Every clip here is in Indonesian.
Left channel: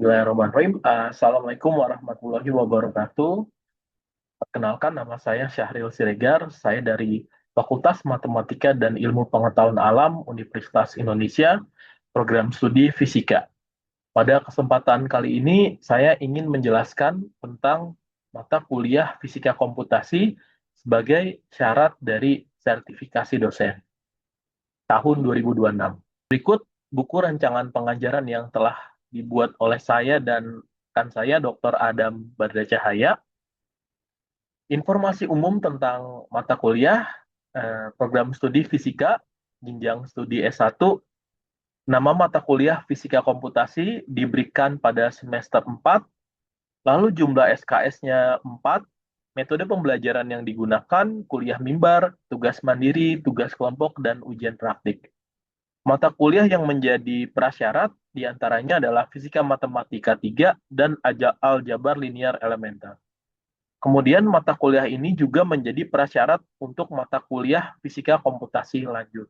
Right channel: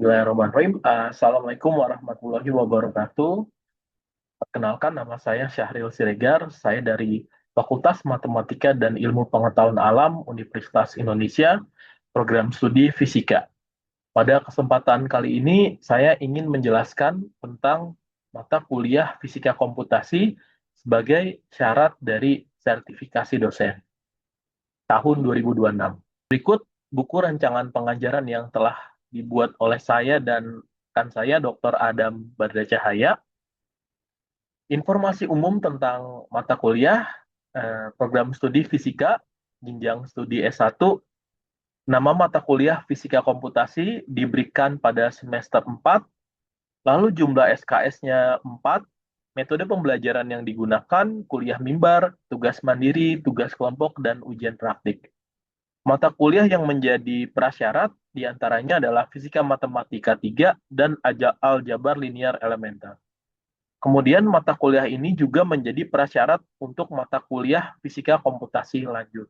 Bismillahirrahmanirrahim. Assalamualaikum warahmatullahi wabarakatuh. Perkenalkan, nama saya Syahril Siregar. Saya dari Fakultas Matematika dan Ilmu Pengetahuan Alam Universitas Indonesia, Program Studi Fisika. Pada kesempatan kali ini, saya ingin menjelaskan tentang mata kuliah Fisika Komputasi sebagai syarat dari sertifikasi dosen tahun 2026. Berikut buku rancangan pengajaran yang telah dibuat oleh saya dan rekan saya, Dr. Adam Bardacahaya. Informasi umum tentang mata kuliah, program studi fisika, jenjang studi S1, nama mata kuliah fisika komputasi diberikan pada semester 4, lalu jumlah SKS-nya 4, metode pembelajaran yang digunakan, kuliah mimbar, tugas mandiri, tugas kelompok, dan ujian praktik. Mata kuliah yang menjadi prasyarat diantaranya adalah Fisika Matematika 3 dan Aljabar Linear Elementer. Kemudian mata kuliah ini juga menjadi prasyarat untuk mata kuliah Fisika Komputasi lanjut.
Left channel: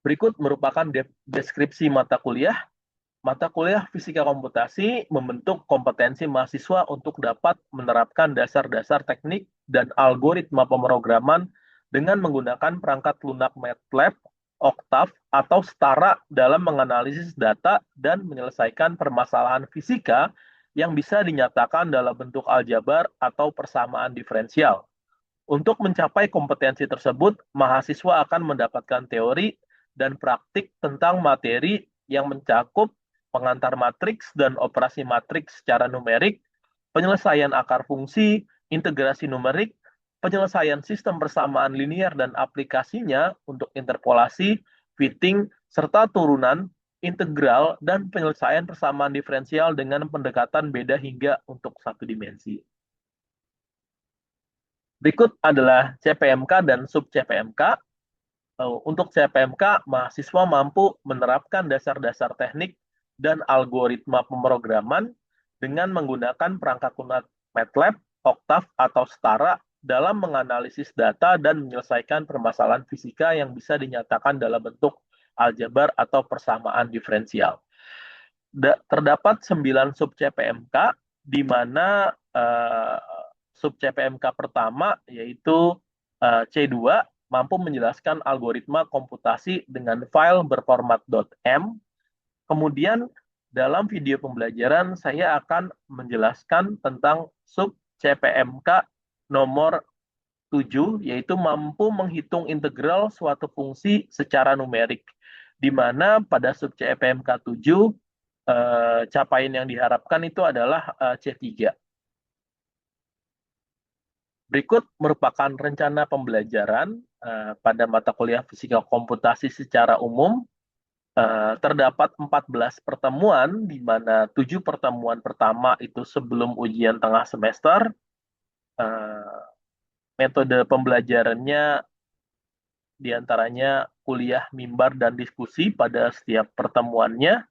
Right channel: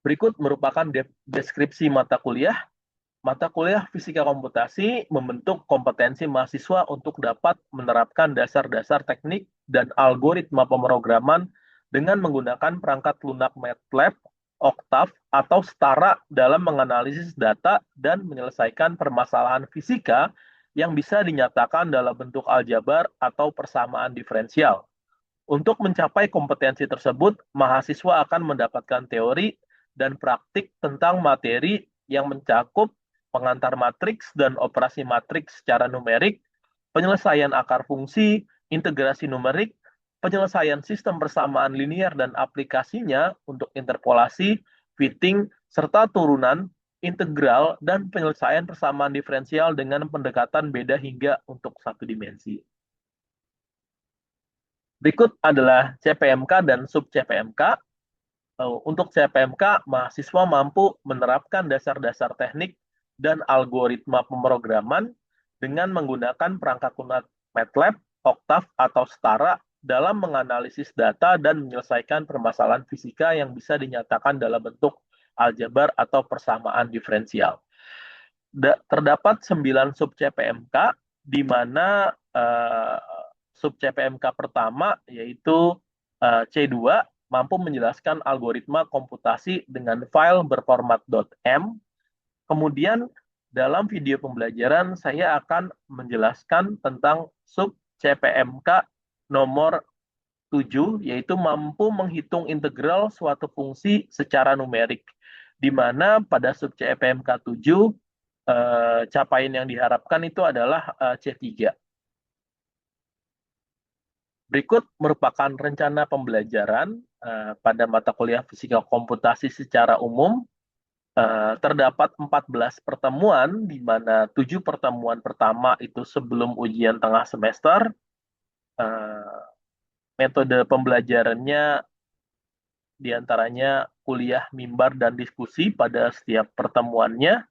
Berikut merupakan deskripsi mata kuliah. Mata kuliah Fisika Komputasi membentuk kompetensi mahasiswa untuk dapat menerapkan dasar-dasar teknik dan algoritma pemrograman dengan menggunakan perangkat lunak MATLAB, Octave, atau Stara dalam menganalisis data dan menyelesaikan permasalahan fisika yang bisa dinyatakan dalam bentuk aljabar atau persamaan diferensial. Untuk mencapai kompetensi tersebut, mahasiswa akan mendapatkan teori dan praktik tentang materi yang mencakup pengantar matriks dan operasi matriks secara numerik, penyelesaian akar fungsi, integrasi numerik, penyelesaian sistem persamaan linear dan aplikasinya untuk interpolasi, fitting, serta turunan, integral, dan penyelesaian persamaan diferensial dengan pendekatan beda hingga untuk satu dimensi. Berikut adalah CPMK dan sub-CPMK. Untuk CPMK, mahasiswa mampu menerapkan dasar-dasar teknik dan algoritma pemrograman dengan menggunakan perangkat lunak MATLAB, Octave, atau Stara dalam menganalisis data dan menyelesaikan permasalahan fisika yang bisa dinyatakan dalam bentuk aljabar atau persamaan diferensial. Terdapat 9 sub-CPMK, di mana sub-CPMK pertama, yaitu C2, mampu menjelaskan algoritma komputasi dengan file berformat .m. Kemudian dalam video pembelajaran saya akan menjelaskan tentang sub CPMK nomor 7, yaitu mampu menghitung integral suatu fungsi secara numerik, di mana pada sub CPMK 7 capaian yang diharapkan itu adalah C3. Berikut merupakan rencana pembelajaran pada mata kuliah Fisika Komputasi secara umum. Terdapat 14 pertemuan, di mana 7 pertemuan pertama itu sebelum ujian tengah semester. Metode pembelajarannya diantaranya kuliah mimbar dan diskusi pada setiap pertemuannya.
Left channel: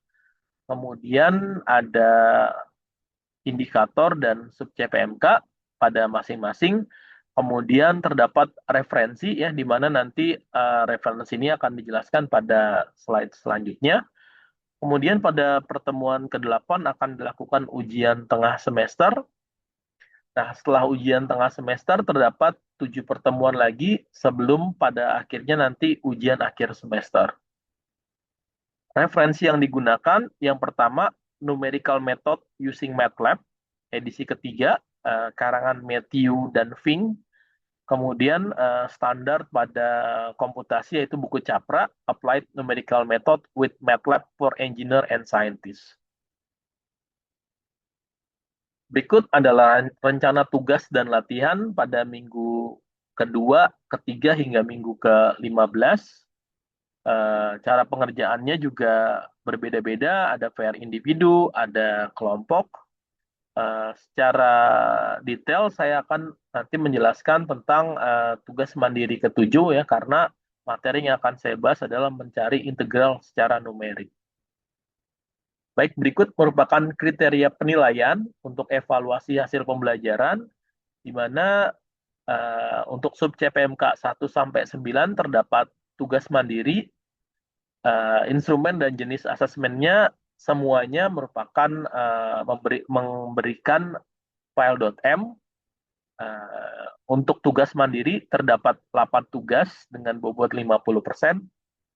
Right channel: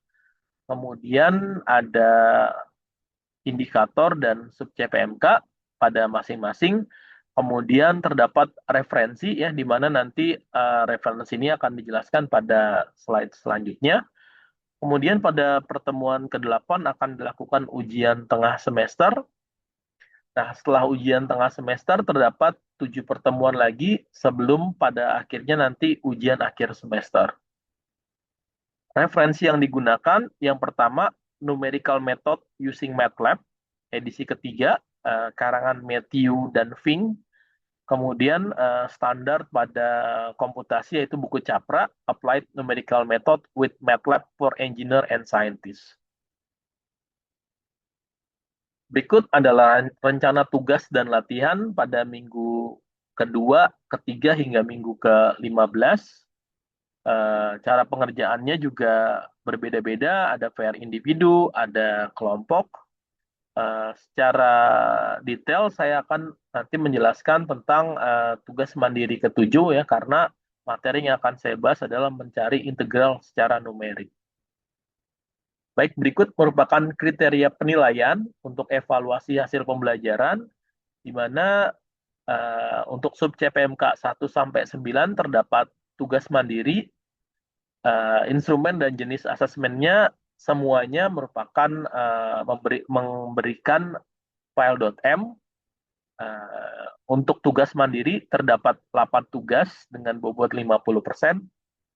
Kemudian ada indikator dan sub CPMK pada masing-masing. Kemudian terdapat referensi ya, di mana nanti referensi ini akan dijelaskan pada slide selanjutnya. Kemudian pada pertemuan ke-8 akan dilakukan ujian tengah semester. Nah, setelah ujian tengah semester terdapat 7 pertemuan lagi sebelum pada akhirnya nanti ujian akhir semester. Referensi yang digunakan, yang pertama, Numerical Method Using MATLAB, edisi ketiga, karangan Matthew dan Fink. Kemudian standar pada komputasi yaitu buku Capra, Applied Numerical Method with MATLAB for Engineer and Scientist. Berikut adalah rencana tugas dan latihan pada minggu kedua, ketiga, hingga minggu ke-15. Cara pengerjaannya juga berbeda-beda, ada PR individu, ada kelompok. Secara detail saya akan nanti menjelaskan tentang tugas mandiri ke-7 ya, karena materi yang akan saya bahas adalah mencari integral secara numerik. Baik, berikut merupakan kriteria penilaian untuk evaluasi hasil pembelajaran, di mana untuk sub CPMK 1 sampai 9 terdapat tugas mandiri, instrumen dan jenis asesmennya semuanya merupakan memberikan file.m. Untuk tugas mandiri terdapat 8 tugas dengan bobot 50%.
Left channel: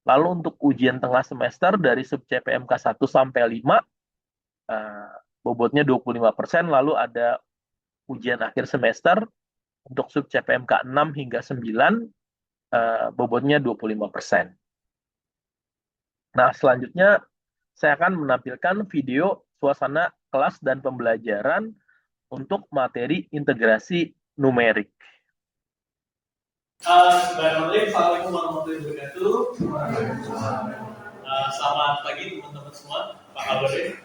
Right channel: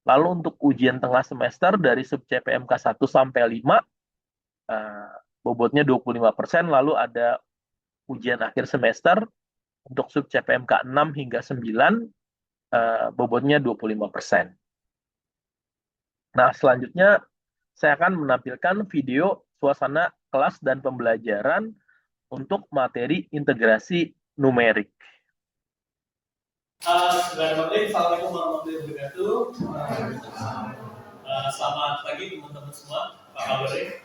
Lalu untuk ujian tengah semester dari sub CPMK 1 sampai 5 bobotnya 25%. Lalu ada ujian akhir semester untuk sub CPMK 6 hingga 9 bobotnya 25%. Nah, selanjutnya saya akan menampilkan video suasana kelas dan pembelajaran untuk materi integrasi numerik. Assalamualaikum warahmatullahi wabarakatuh. Selamat pagi teman-teman semua. Apa kabarnya?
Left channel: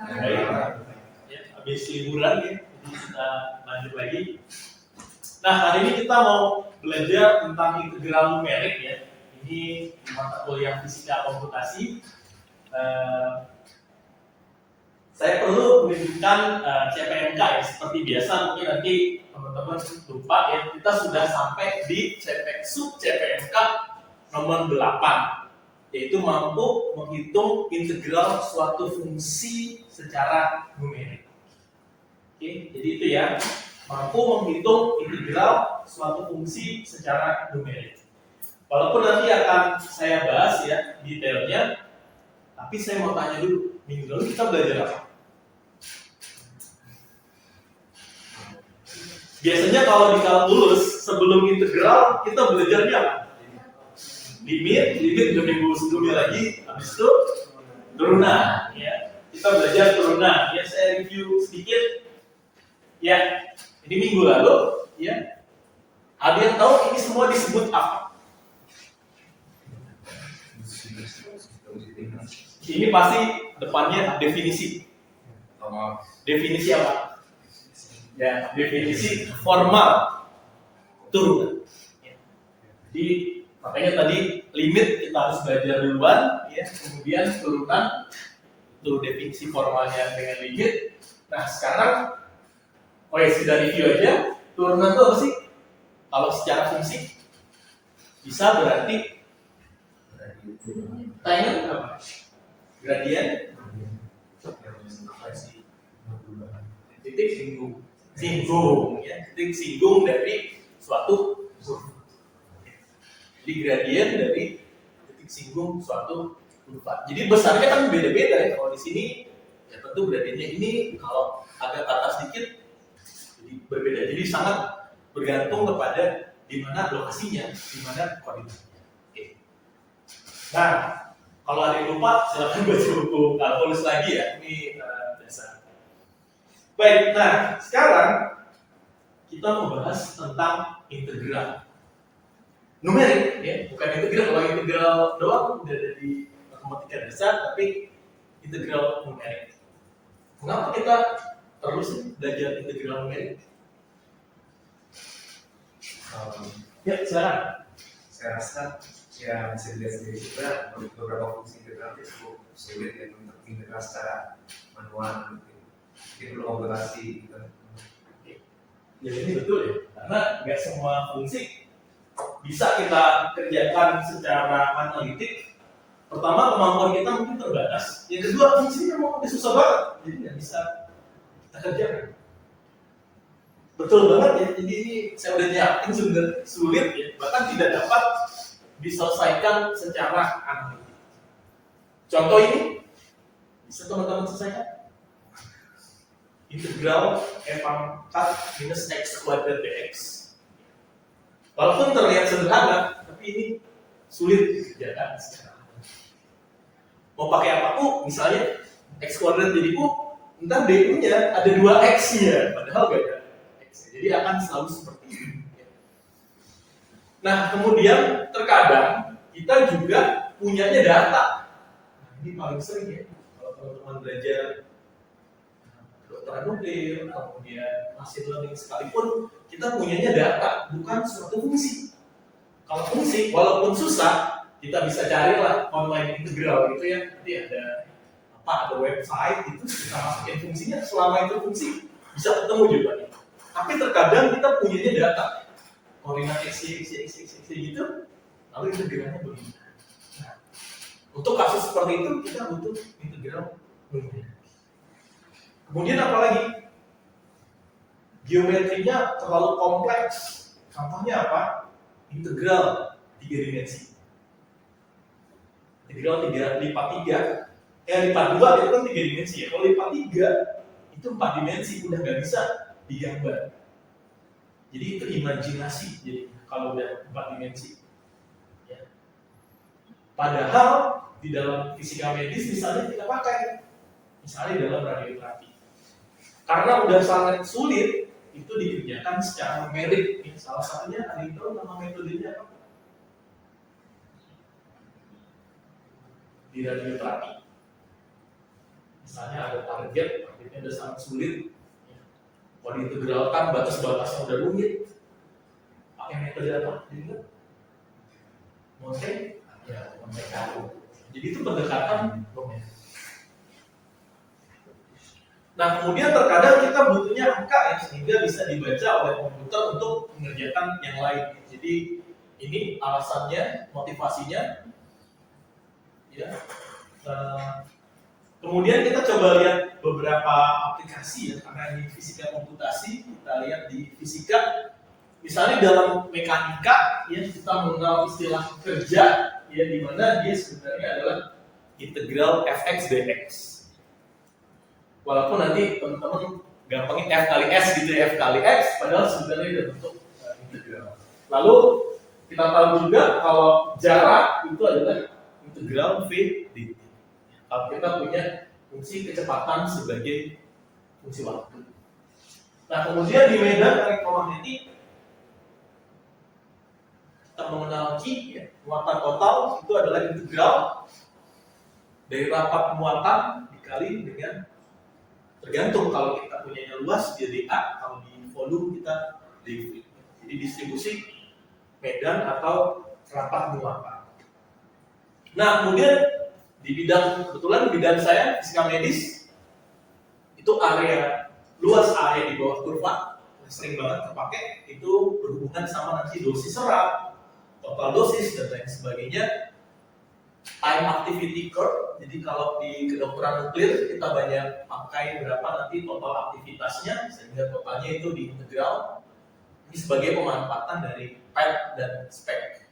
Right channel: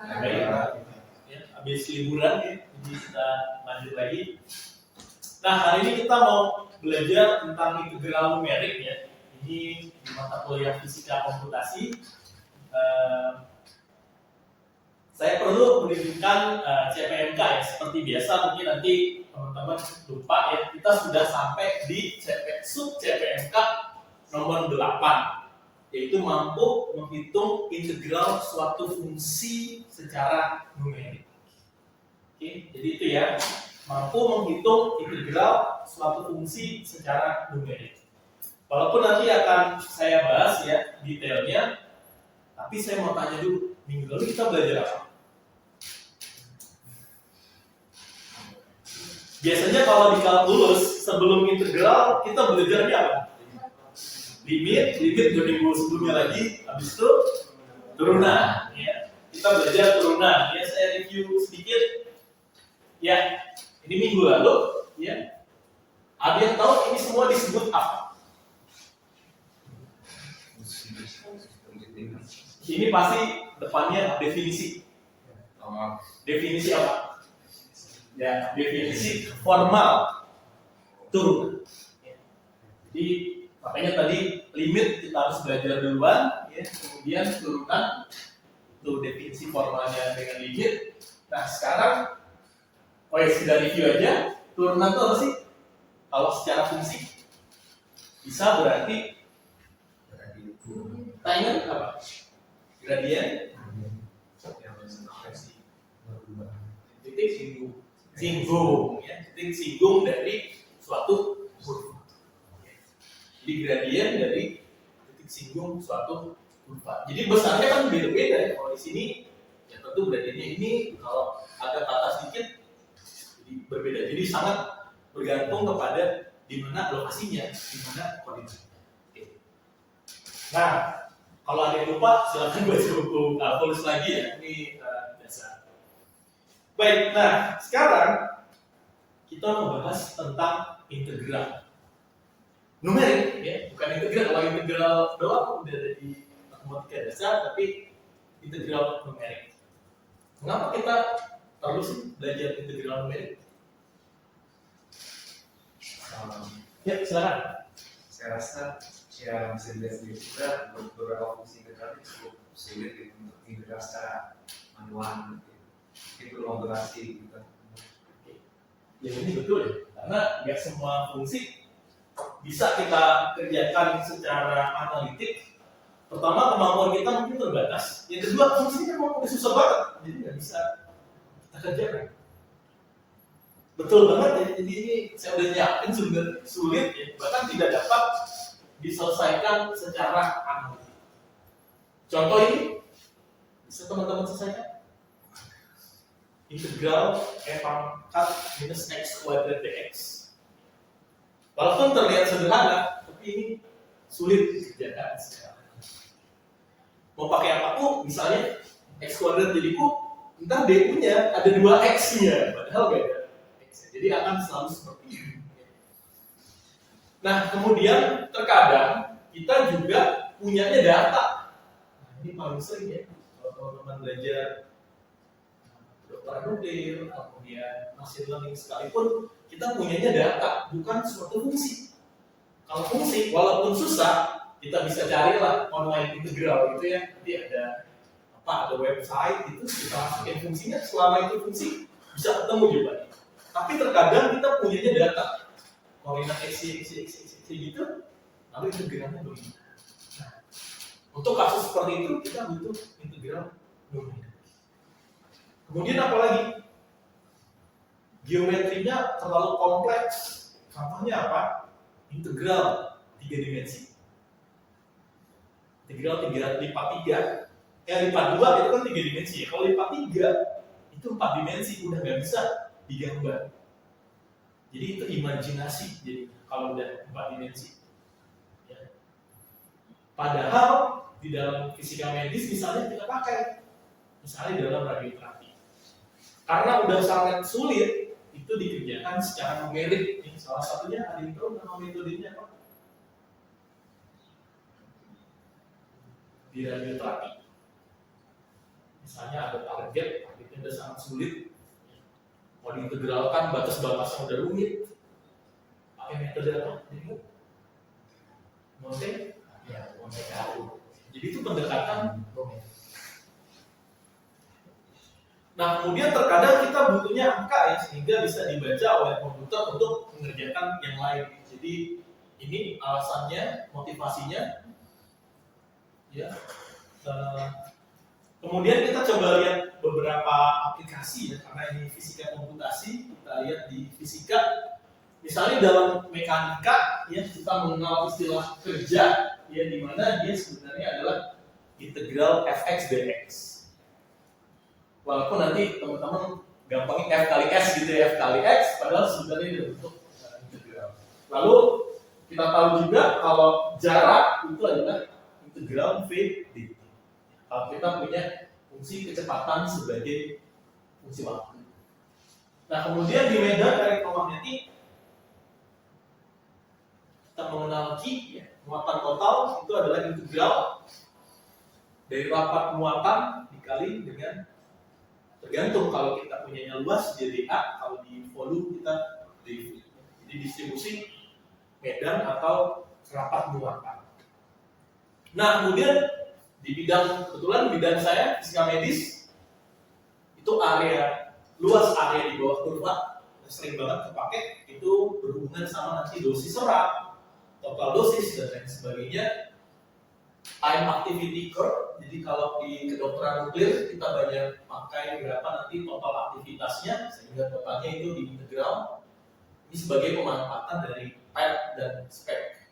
Baik. Ya, habis liburan ya, jadi kita lanjut lagi. Nah, hari ini kita mau belajar tentang integral numerik ya. Ini di mata kuliah fisika komputasi. Saya perlu menunjukkan CPMK ya, seperti biasa mungkin nanti teman-teman lupa ya, kita sudah sampai di sub CPMK nomor 8, yaitu mampu menghitung integral suatu fungsi secara numerik. Oke, jadi itu ya, mampu menghitung integral suatu fungsi secara numerik. Walaupun nanti akan saya bahas ya detailnya, tapi saya mau tanya dulu, minggu lalu kita belajar apa? Biasanya kalau di kalkulus sebelum integral kita belajarnya apa? Limit udah minggu sebelumnya lagi, habis itu turunan ya. Kita belajar turunan ya, saya review sedikit ya. Ini minggu lalu ya. Ada yang tahu ini semua disebut apa? Ini pasti depannya definisi. Definisi apa? Ya, definisi formal turunan. Jadi makanya tadi limit kita harus belajar duluan, ya. Kemudian turunan itu definisi formalnya dengan limit. Nah sekarang koreksi dari review aja, turunan itu apa sih? Kalau secara fungsi bisa berarti ingat apa? Gradien titik singgung ya, titik singgung dari suatu kurva. Jadi gradien dari titik singgung suatu kurva. Jadi besarnya kan beda-beda ya. Kalau di sini ya tentu gradiennya ini kalau agak ke atas sedikit jadi berbeda. Jadi sangat bergantung kepada di mana lokasinya, di mana koordinatnya. Oke. Nah, kalau ada yang lupa silakan baca buku kalkulus lagi ya. Ini dasar. Baik, nah sekarang kita membahas tentang integral numerik ya, bukan integral. Kalau integral doang udah ada di matematika dasar, tapi integral numerik. Kenapa kita perlu sih belajar integral numerik? Ya, silakan. Saya rasa ya bisa dilihat sendiri juga beberapa fungsi integral itu cukup sulit ya untuk integral secara manual. Mungkin perlu komputasi gitu. Ya ini betul ya, karena nggak semua fungsi bisa kita kerjakan secara analitik. Pertama, kemampuan kita mungkin terbatas. Yang kedua, fungsinya memang susah banget, jadi nggak bisa kita kerjakan. Betul banget ya, jadi ini saya udah nyiapin sulit ya, bahkan tidak dapat diselesaikan secara analitik. Contoh ini bisa teman-teman selesaikan. Integral f pangkat minus x kuadrat dx. Walaupun terlihat sederhana, tapi ini sulit dikerjakan secara. Mau pakai apa u? Misalnya x kuadrat jadi u, entah d-nya ada 2x ya, padahal gak ada x. Jadi akan selalu seperti ini. Nah, kemudian terkadang kita juga punyanya data. Nah, ini paling sering ya, kalau teman-teman belajar nuklir, kemudian machine learning sekalipun kita punyanya data, bukan suatu fungsi. Kalau fungsi, walaupun susah, kita bisa carilah online integral gitu ya. Nanti ada apa? Ada website itu kita masukin fungsinya, selama itu fungsi bisa ketemu jawabannya. Tapi terkadang kita punyanya data, koordinat x, gitu, lalu integralnya begini. Nah, untuk kasus seperti itu kita butuh integral numerik. Kemudian apa lagi? Geometrinya terlalu kompleks. Contohnya apa? Integral 3 dimensi. Integral 3 lipat 3. Lipat 2 itu kan 3 dimensi ya. Kalau lipat 3 itu 4 dimensi, udah nggak bisa digambar. Jadi itu imajinasi. Jadi kalau udah 4 dimensi. Ya. Padahal di dalam fisika medis misalnya kita pakai, misalnya dalam radioterapi. Karena udah sangat sulit, itu dikerjakan secara numerik. Salah satunya ada yang tahu nama metodenya apa? Di radioterapi. Misalnya ada targetnya udah sangat sulit. Mau diintegralkan, batas-batasnya udah rumit. Pakai metode apa? Monte? Ya, Monte Carlo. Jadi itu pendekatan numerik. Nah, kemudian terkadang kita butuhnya angka ya, sehingga bisa dibaca oleh komputer untuk mengerjakan yang lain. Jadi ini alasannya, motivasinya. Ya. Kemudian kita coba lihat beberapa aplikasi ya, karena ini fisika komputasi, kita lihat di fisika. Misalnya dalam mekanika, ya kita mengenal istilah kerja, ya di mana dia sebenarnya adalah integral fx dx. Walaupun nanti teman-teman gampangin f kali s gitu ya, f kali x, padahal sebenarnya ada bentuk integral. Lalu kita tahu juga kalau jarak itu adalah integral v dt. Kalau kita punya fungsi kecepatan sebagai fungsi waktu. Nah kemudian di medan elektromagnetik kita mengenal Q, ya, muatan total itu adalah integral dari rapat muatan dikali dengan, tergantung kalau kita punyanya luas jadi A, kalau di volume kita dV. Jadi distribusi medan atau rapat muatan. Nah kemudian di bidang, kebetulan bidang saya fisika medis, itu area luas area di bawah kurva yang sering banget terpakai itu berhubungan sama nanti dosis serat, total dosis dan lain sebagainya. Time activity curve, jadi kalau di kedokteran nuklir kita banyak pakai berapa nanti total aktivitasnya, sehingga totalnya itu diintegral. Ini sebagai pemanfaatan dari PET dan SPEC.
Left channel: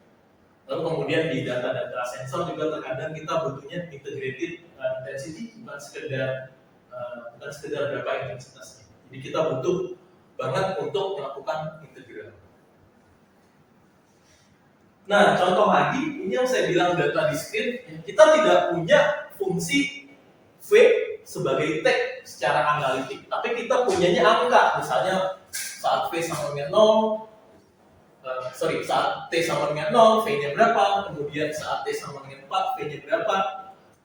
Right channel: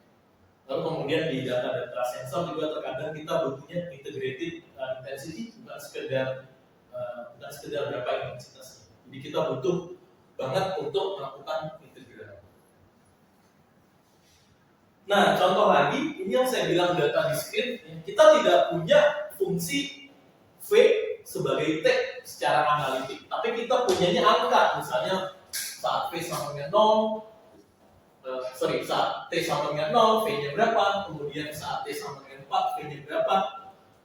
Lalu kemudian di data-data sensor juga terkadang kita butuhnya integrated intensity, bukan sekedar berapa intensitasnya. Jadi kita butuh banget untuk melakukan integral. Nah, contoh lagi, ini yang saya bilang data diskrit, kita tidak punya fungsi V sebagai T secara analitik, tapi kita punyanya angka, misalnya saat V sama dengan 0, saat T sama dengan 0, V-nya berapa, kemudian saat T sama dengan 4, V-nya berapa.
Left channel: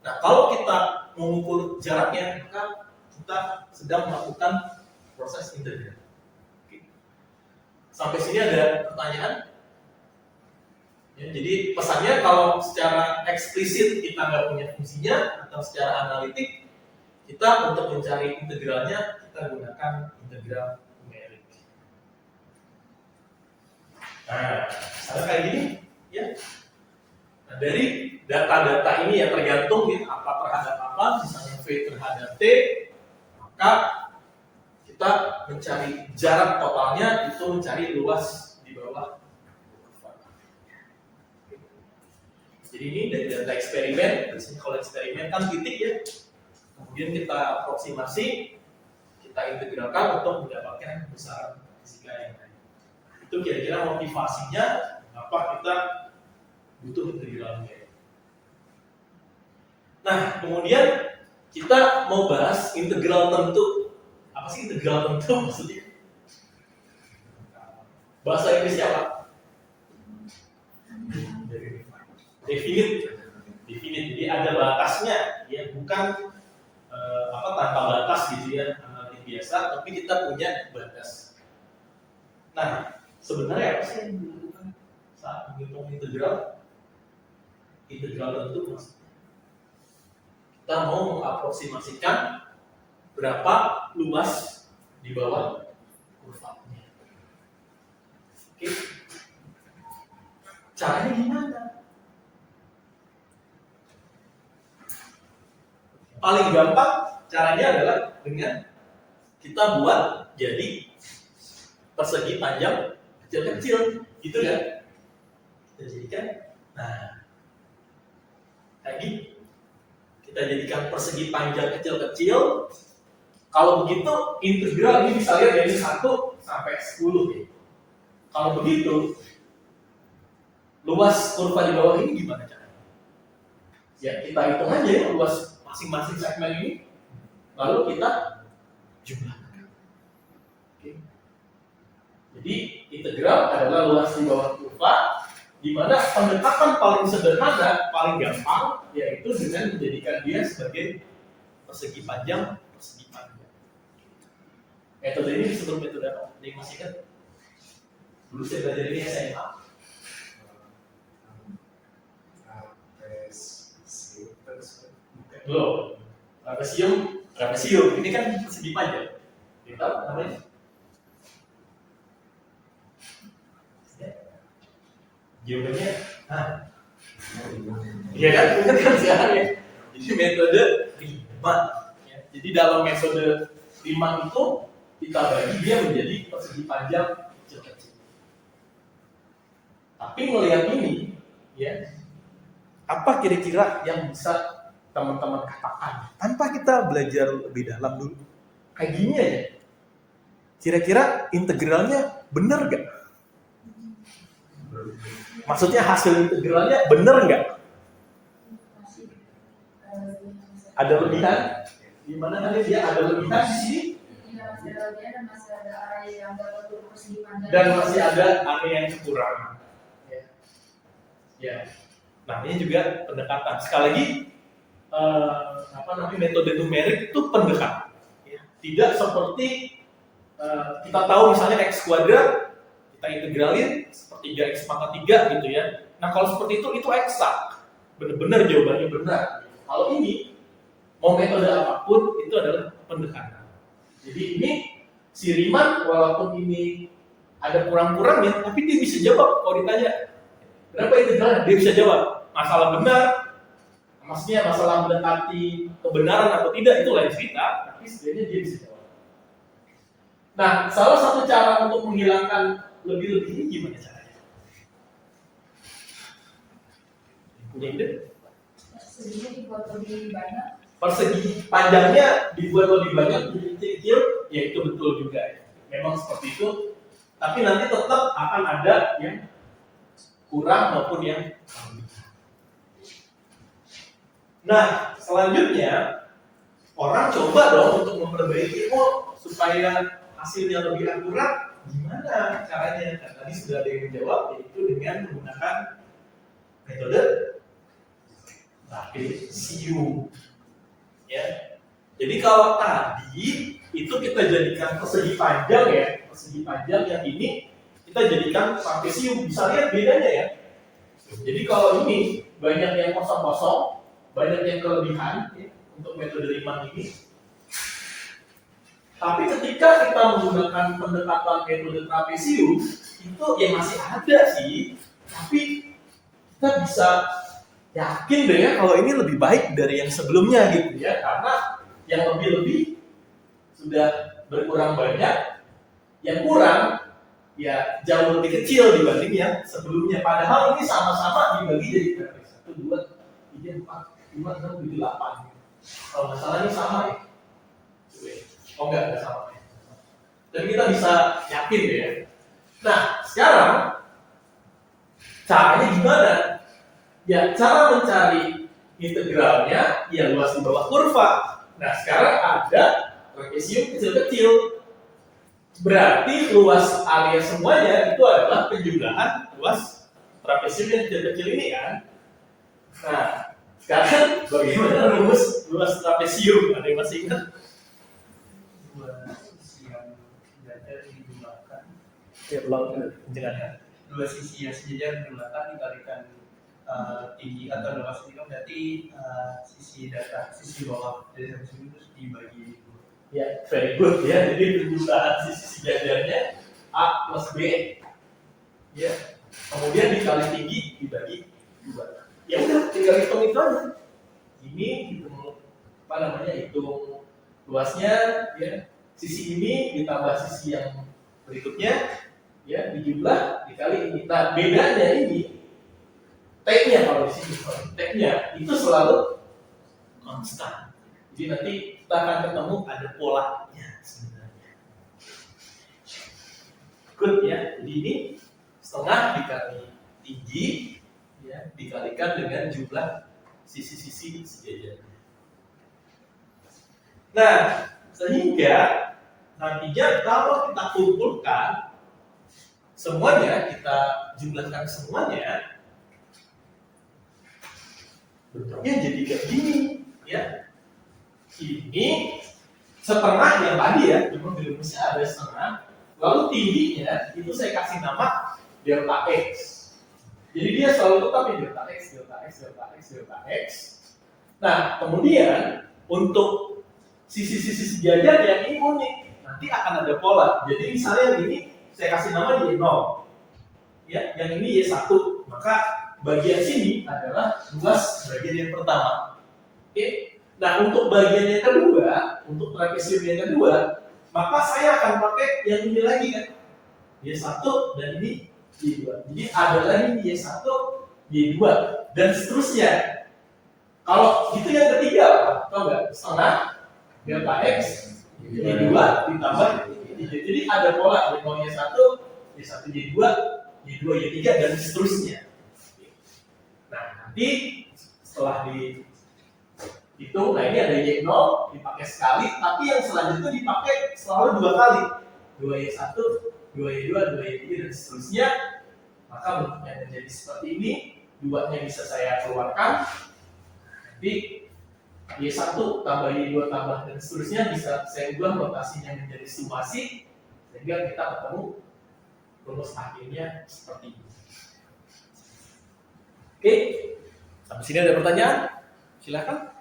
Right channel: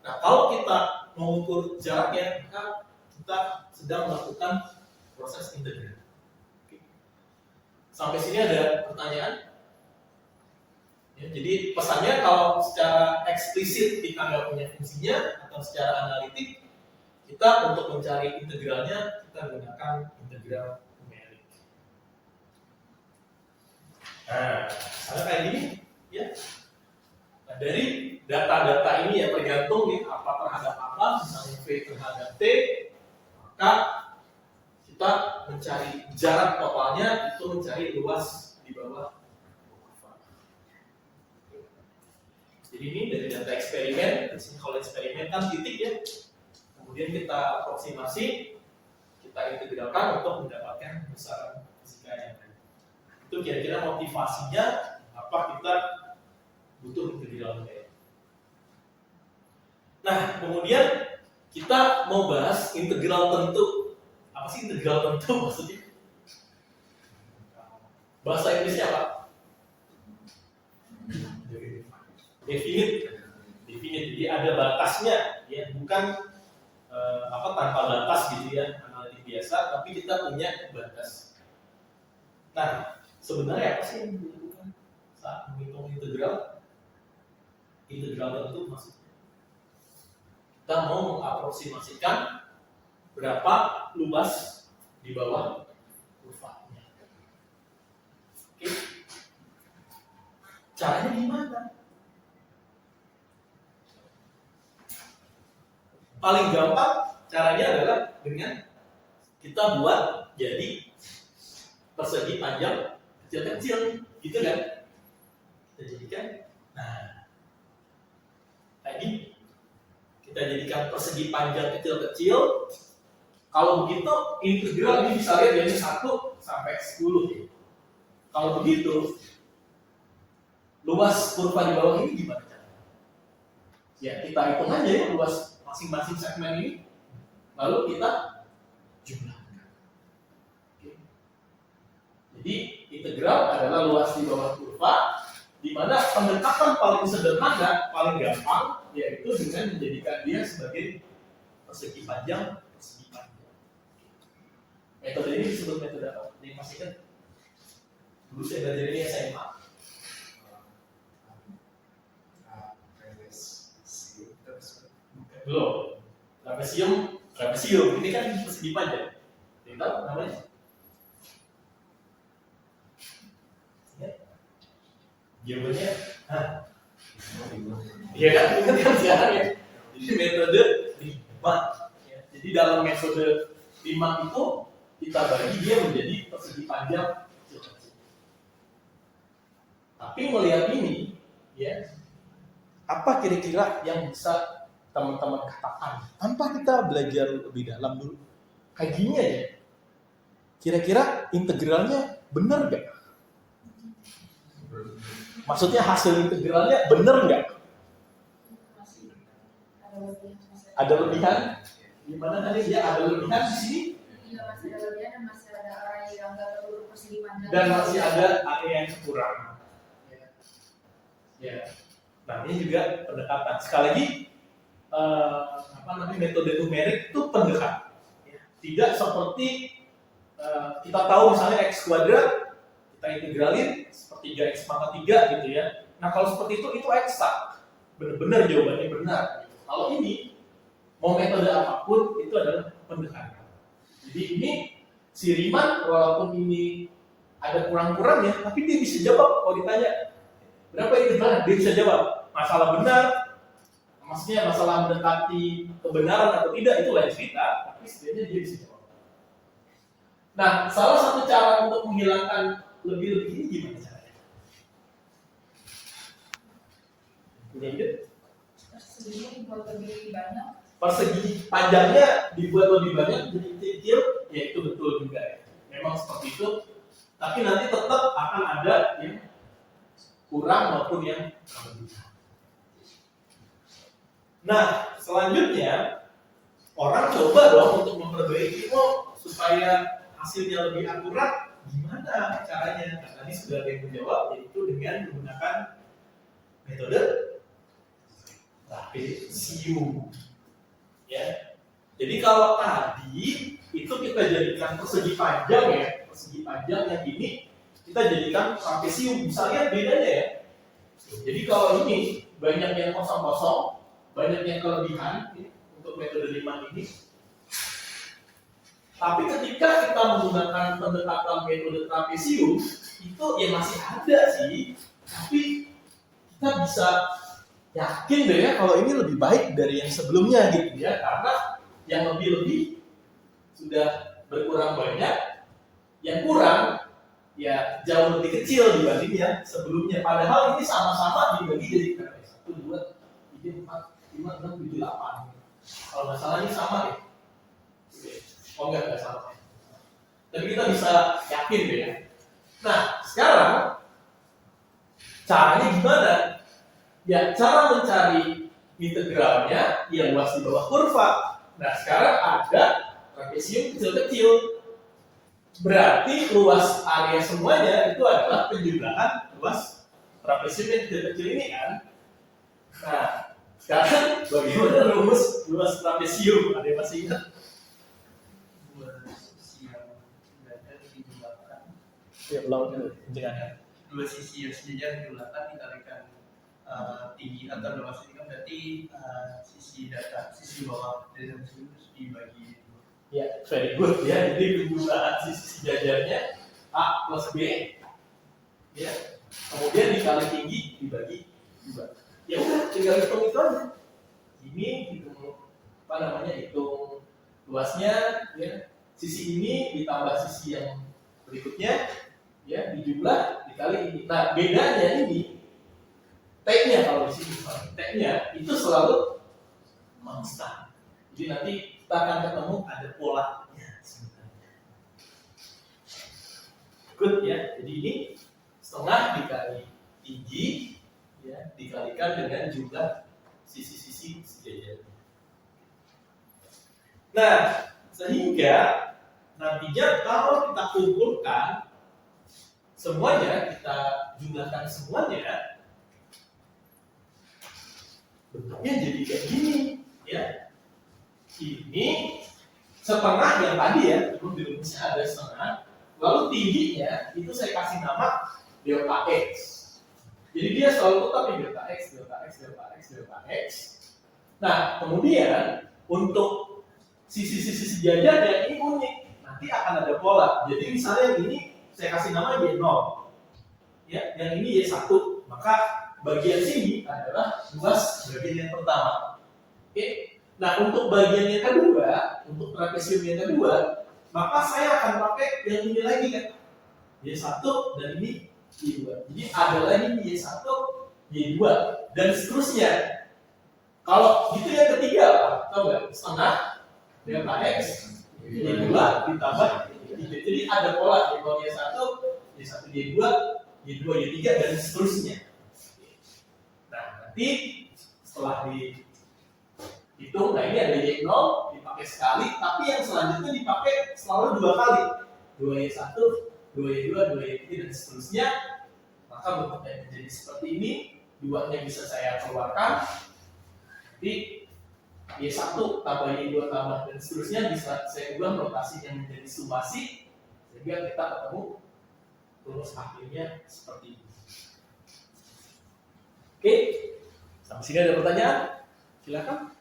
Nah, kalau kita mengukur jaraknya, maka kita sedang melakukan proses integral. Sampai sini ada pertanyaan? Ya, jadi pesannya kalau secara eksplisit kita nggak punya fungsinya atau secara analitik, kita untuk mencari integralnya kita gunakan integral numerik. Nah, misalnya kayak gini, ya. Nah, dari data-data ini yang tergantung ya, apa terhadap apa, misalnya V terhadap T, maka kita mencari jarak totalnya itu mencari luas di bawah. Jadi ini dari data eksperimen, kalau eksperimen kan titik ya, kemudian kita aproksimasi, kita integralkan untuk mendapatkan besaran fisika yang lain. Itu kira-kira motivasinya apa kita butuh integral numerik. Nah, kemudian kita mau bahas integral tentu. Apa sih integral tentu maksudnya? Bahasa Inggrisnya apa? Definite. Jadi ada batasnya, ya bukan tanpa batas gitu ya, analitik biasa, tapi kita punya batas. Nah, sebenarnya apa sih yang dilakukan saat menghitung integral? Integral tentu maksudnya kita mau mengaproksimasikan berapa luas di bawah kurvanya. Oke. Caranya gimana? paling gampang caranya adalah dengan kita buat jadi persegi panjang kecil-kecil, gitu kan? Kita jadikan, nah, kayak gini. Kita jadikan persegi panjang kecil-kecil. Kalau begitu integral ini bisa lihat dari 1 sampai 10 ya. Kalau begitu luas kurva di bawah ini gimana caranya? Ya kita hitung aja ya luas masing-masing segmen ini, lalu kita jumlahkan. Oke. Jadi integral adalah luas di bawah kurva, di mana pendekatan paling sederhana, paling gampang, yaitu dengan menjadikan dia sebagai persegi panjang. Metode ini disebut metode apa? Ada yang masih ingat? Dulu saya belajar ini SMA. Belum. Trapesium. Ini kan persegi panjang. Kita tahu namanya? Ya. Jawabannya, iya kan? Ingat kan sekarang ya? Jadi metode Riemann. Ya. Jadi dalam metode Riemann itu kita bagi dia menjadi persegi panjang kecil-kecil. Tapi melihat ini, ya, apa kira-kira yang bisa teman-teman katakan tanpa kita belajar lebih dalam dulu? Kayak gini aja. Kira-kira integralnya benar nggak? Maksudnya hasil integralnya benar nggak? Ada lebihan? Di mana tadi dia ada lebihan di sini? Masih ada lebihan dan masih ada area yang nggak perlu persegi panjang. Dan masih ada area yang kurang. Ya. Nah ini juga pendekatan. Sekali lagi, metode numerik itu pendekatan. Ya. Tidak seperti kita tahu misalnya x kuadrat kita integralin sepertiga x pangkat 3 gitu ya. Nah kalau seperti itu eksak, benar-benar jawabannya benar. Kalau ini mau metode apapun itu adalah pendekatan. Jadi ini si Riemann walaupun ini ada kurang-kurangnya, tapi dia bisa jawab kalau ditanya berapa integralnya, dia bisa jawab. Masalah benar, maksudnya masalah mendekati kebenaran atau tidak itu lain cerita, tapi setidaknya dia bisa jawab. Nah, salah satu cara untuk menghilangkan lebih-lebih ini gimana caranya? Punya ide? Perseginya dibuat lebih banyak. Persegi panjangnya dibuat lebih banyak, lebih kecil, ya itu betul juga ya. Memang seperti itu, tapi nanti tetap akan ada yang kurang maupun yang lebih. Nah, selanjutnya orang coba dong untuk memperbaiki supaya hasilnya lebih akurat. Gimana caranya? Karena tadi sudah ada yang menjawab, yaitu dengan menggunakan metode trapesium. Ya. Jadi kalau tadi itu kita jadikan persegi panjang ya, persegi panjang yang ini kita jadikan trapesium. Bisa lihat bedanya ya. Jadi kalau ini banyak yang kosong-kosong, banyak yang kelebihan ya, untuk metode Riemann ini. Tapi ketika kita menggunakan pendekatan metode trapesium, itu ya masih ada sih, tapi kita bisa yakin deh ya kalau ini lebih baik dari yang sebelumnya gitu ya, karena yang lebih-lebih sudah berkurang banyak, yang kurang ya jauh lebih kecil dibanding yang sebelumnya. Padahal ini sama-sama dibagi jadi berapa? 1, 2, 3, 4, 5, 6, 7, 8. Kalau nggak salah ini sama ya? Oh enggak sama. Tapi kita bisa yakin deh ya. Nah sekarang caranya gimana? Ya cara mencari integralnya ya luas di bawah kurva. Nah sekarang ada trapesium kecil-kecil. Berarti luas area semuanya itu adalah penjumlahan luas trapesium yang kecil-kecil ini kan. Nah sekarang bagaimana rumus luas trapesium? Ada yang masih ingat? Dua sisi yang sejajar dijumlahkan dikalikan tinggi atau luas ini kan berarti sisi bawah dari sisi itu dibagi dua. Ya, very good ya. Jadi penjumlahan sisi sejajarnya A plus B, ya. Kemudian dikali tinggi dibagi 2. Ya udah, tinggal hitung itu aja. Ini hitung hitung luasnya ya, sisi ini ditambah sisi yang berikutnya ya, dijumlah dikali ini. Nah, bedanya ini T-nya, kalau di sini T-nya itu selalu konstan. Jadi nanti kita akan ketemu ada polanya sebenarnya. Good ya. Jadi ini setengah dikali tinggi ya, dikalikan dengan jumlah sisi-sisi sejajarnya. Nah, sehingga nantinya kalau kita kumpulkan semuanya, kita jumlahkan semuanya, bentuknya jadi kayak gini ya. Ini setengah yang tadi ya, cuma di rumusnya ada setengah. Lalu tingginya itu saya kasih nama delta x. Jadi dia selalu tetap di delta x, delta x, delta x, delta x. Nah, kemudian untuk sisi-sisi sejajar yang ini unik, nanti akan ada pola. Jadi misalnya yang ini saya kasih nama Y0, ya, yang ini Y1, maka bagian sini adalah luas bagian yang pertama. Oke. Nah, untuk bagian yang kedua, untuk trapesium yang kedua, maka saya akan pakai yang ini lagi kan, Y1 dan ini Y2. Jadi ada lagi Y1, Y2 dan seterusnya. Kalau gitu yang ketiga apa? Tahu nggak? Setengah delta x Y2 ditambah Y3. Jadi ada pola Y0 Y1, Y1 Y2, Y2 Y3 dan seterusnya. Nah, nanti setelah dihitung, nah ini ada Y0 dipakai sekali, tapi yang selanjutnya dipakai selalu 2 kali. 2Y1, 2Y2, 2Y3 dan seterusnya. Maka bentuknya menjadi seperti ini. 2-nya bisa saya keluarkan. Nanti Y1 tambah Y2 tambah dan seterusnya bisa saya ubah rotasinya menjadi summasi, sehingga kita ketemu rumus akhirnya seperti ini. Oke, sampai sini ada pertanyaan? Silakan.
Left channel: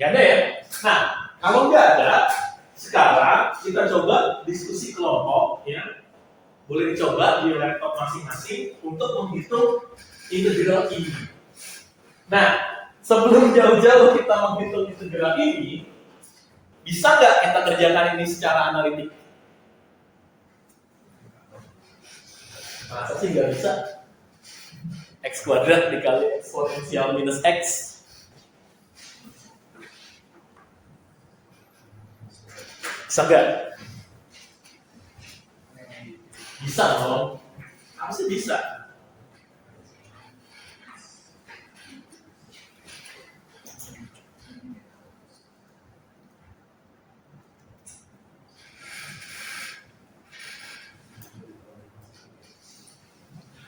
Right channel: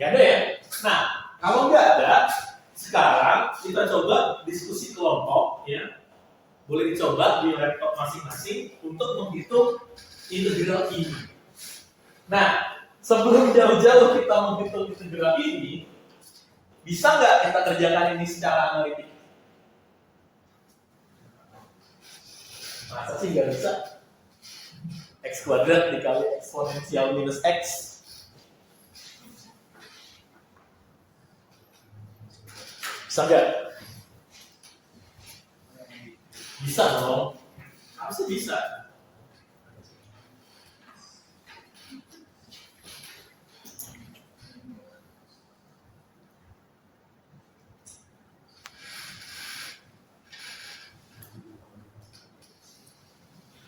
Gak ada ya? Nah, kalau nggak ada, sekarang kita coba diskusi kelompok ya. Boleh dicoba di laptop masing-masing untuk menghitung integral ini. Nah, sebelum jauh-jauh kita menghitung integral ini, bisa nggak kita kerjakan ini secara analitik? Masa sih nggak bisa? X kuadrat dikali eksponensial minus X. Bisa nggak? Bisa dong. Harusnya bisa.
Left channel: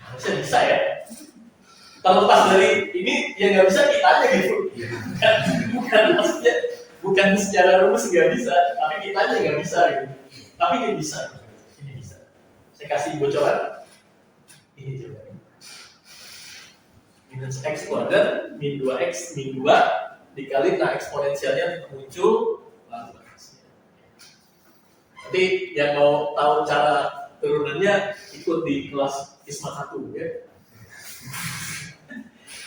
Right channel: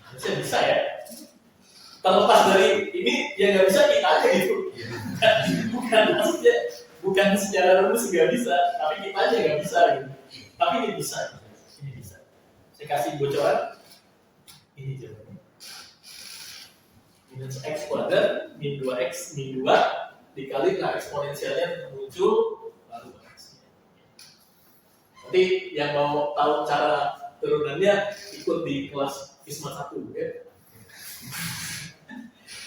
Harusnya bisa ya. Terlepas dari ini, ya nggak bisa kita aja gitu. Bukan maksudnya, bukan secara rumus nggak bisa, tapi kita aja nggak bisa gitu. Tapi ini bisa. Ini bisa. Saya kasih bocoran. Ini coba. Minus X kuadrat, min 2X, min 2 dikali nah eksponensialnya muncul lalu X. Nanti yang mau tahu cara turunannya ikut di kelas ISMA 1 ya.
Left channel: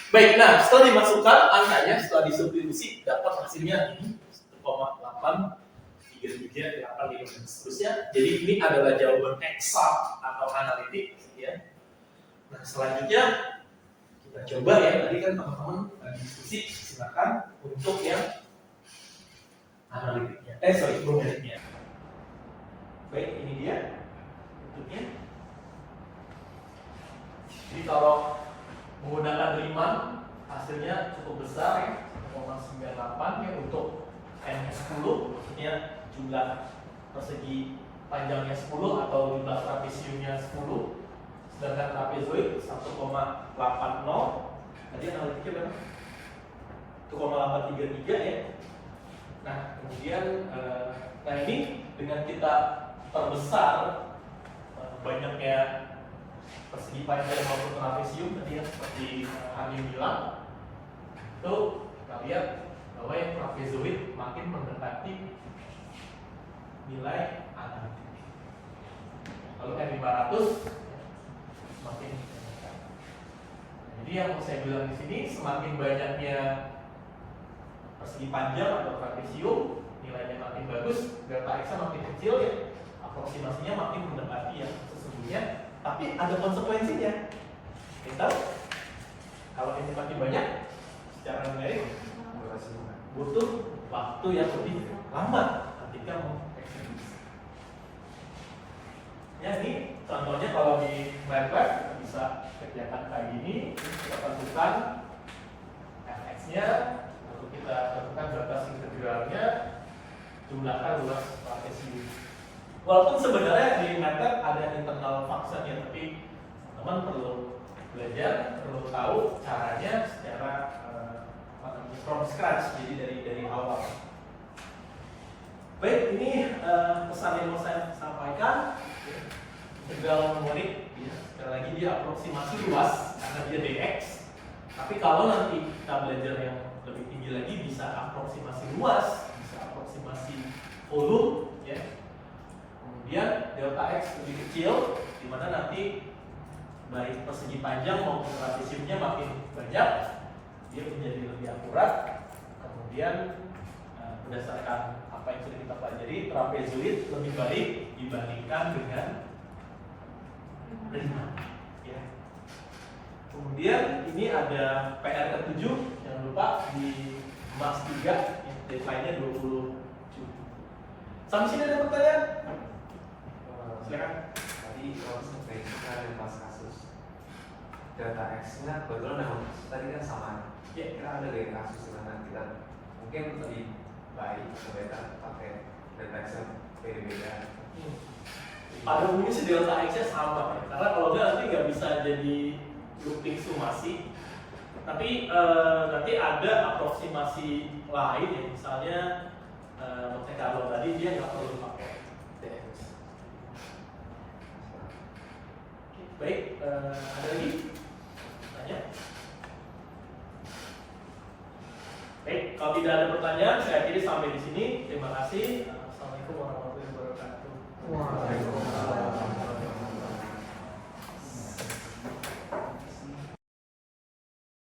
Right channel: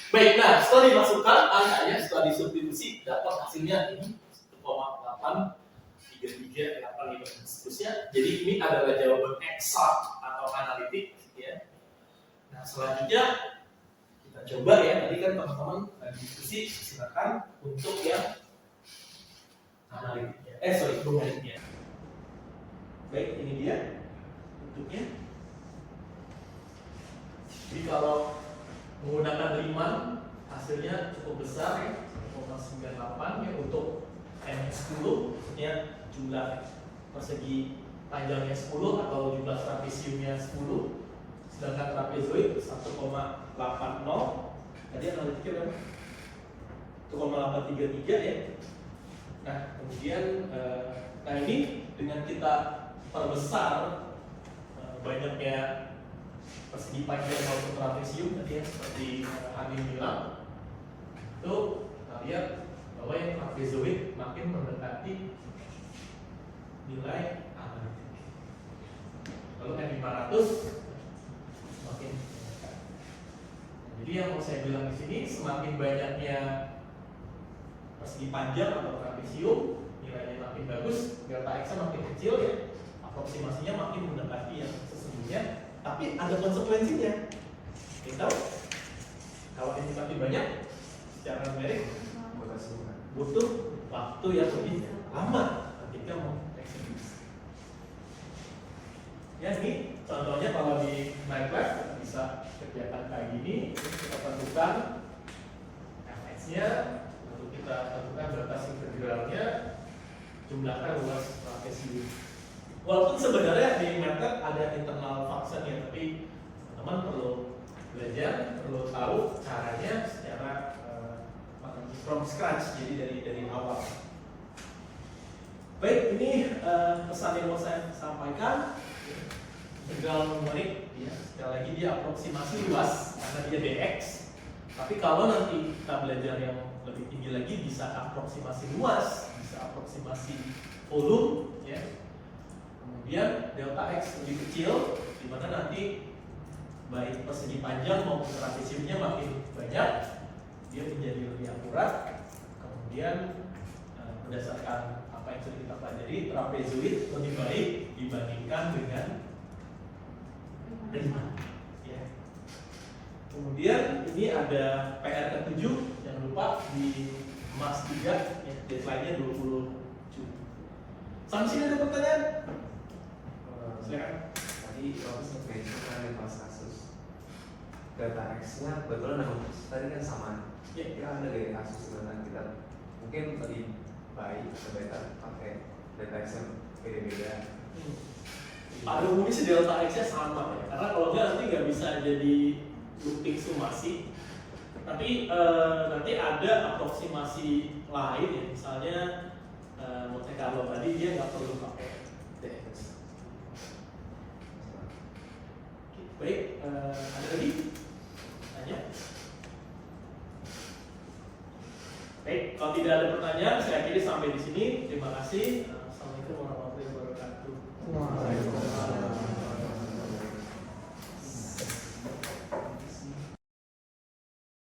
Baik, nah setelah dimasukkan angkanya, setelah disubstitusi dapat hasilnya ini 1,833 dan seterusnya. Jadi ini adalah jawaban eksak atau analitik ya. Nah selanjutnya kita coba ya, tadi kan teman-teman diskusi, silakan untuk yang analitiknya. Numeriknya. Baik, ini dia bentuknya. Jadi kalau menggunakan Riemann hasilnya cukup besar ya, 1,98 ya untuk M10, maksudnya jumlah persegi panjangnya 10 atau jumlah trapesiumnya 10, sedangkan trapezoid 1,80. Tadi analitiknya berapa? 1,833 ya. Nah kemudian nah ini dengan kita perbesar banyaknya persegi panjang maupun trapesium tadi ya, seperti Hamim bilang, itu kita lihat bahwa yang trapezoid makin mendekati nilai analitik. Lalu M500 semakin menyenangkan. Jadi yang mau saya bilang di sini, semakin banyaknya persegi panjang atau trapesium, nilainya makin bagus, delta X makin kecil ya, aproksimasinya makin mendekati yang sesungguhnya. Tapi ada konsekuensinya. Kita tahu kalau ini makin banyak, secara numerik butuh waktu yang lebih lama ketika mengeksekusi. Ya ini contohnya kalau di MATLAB kita bisa kerjakan kayak gini, kita tentukan fx-nya, lalu kita tentukan batas integralnya, jumlahkan luas trapesium. Walaupun sebenarnya di MATLAB ada internal function ya, tapi teman-teman perlu belajar, perlu tahu caranya secara from scratch, jadi dari awal. Baik, ini pesan yang mau saya sampaikan. Integral numerik, ya, sekali lagi dia aproksimasi luas karena dia dx. Tapi kalau nanti kita belajar yang lebih tinggi lagi, bisa aproksimasi luas, bisa aproksimasi volume, ya. Kemudian delta x lebih kecil, di mana nanti baik persegi panjang maupun trapesiumnya makin banyak, dia menjadi lebih akurat. Kemudian berdasarkan apa yang sudah kita pelajari, trapezoid lebih baik dibandingkan dengan prima. Ya. Kemudian ini ada PR ke-7, jangan lupa di Mas 3, ya, deadline-nya 20 Juni. Sampai sini ada pertanyaan? Silakan. Tadi kalau survei itu kan ada kelas kasus data X-nya kebetulan nama tadi kan sama. Ya. Kira ada dari kasus dimana kita mungkin lebih baik atau pakai data X yang beda-beda. Pada umumnya sih delta X-nya sama ya. Karena kalau enggak nanti nggak bisa jadi looping summasi. Tapi nanti ada aproksimasi lain ya, misalnya Monte Carlo tadi dia nggak perlu pakai DX. Baik, ada lagi? Tanya? Baik, kalau tidak ada pertanyaan, saya kira sampai di sini. Terima kasih.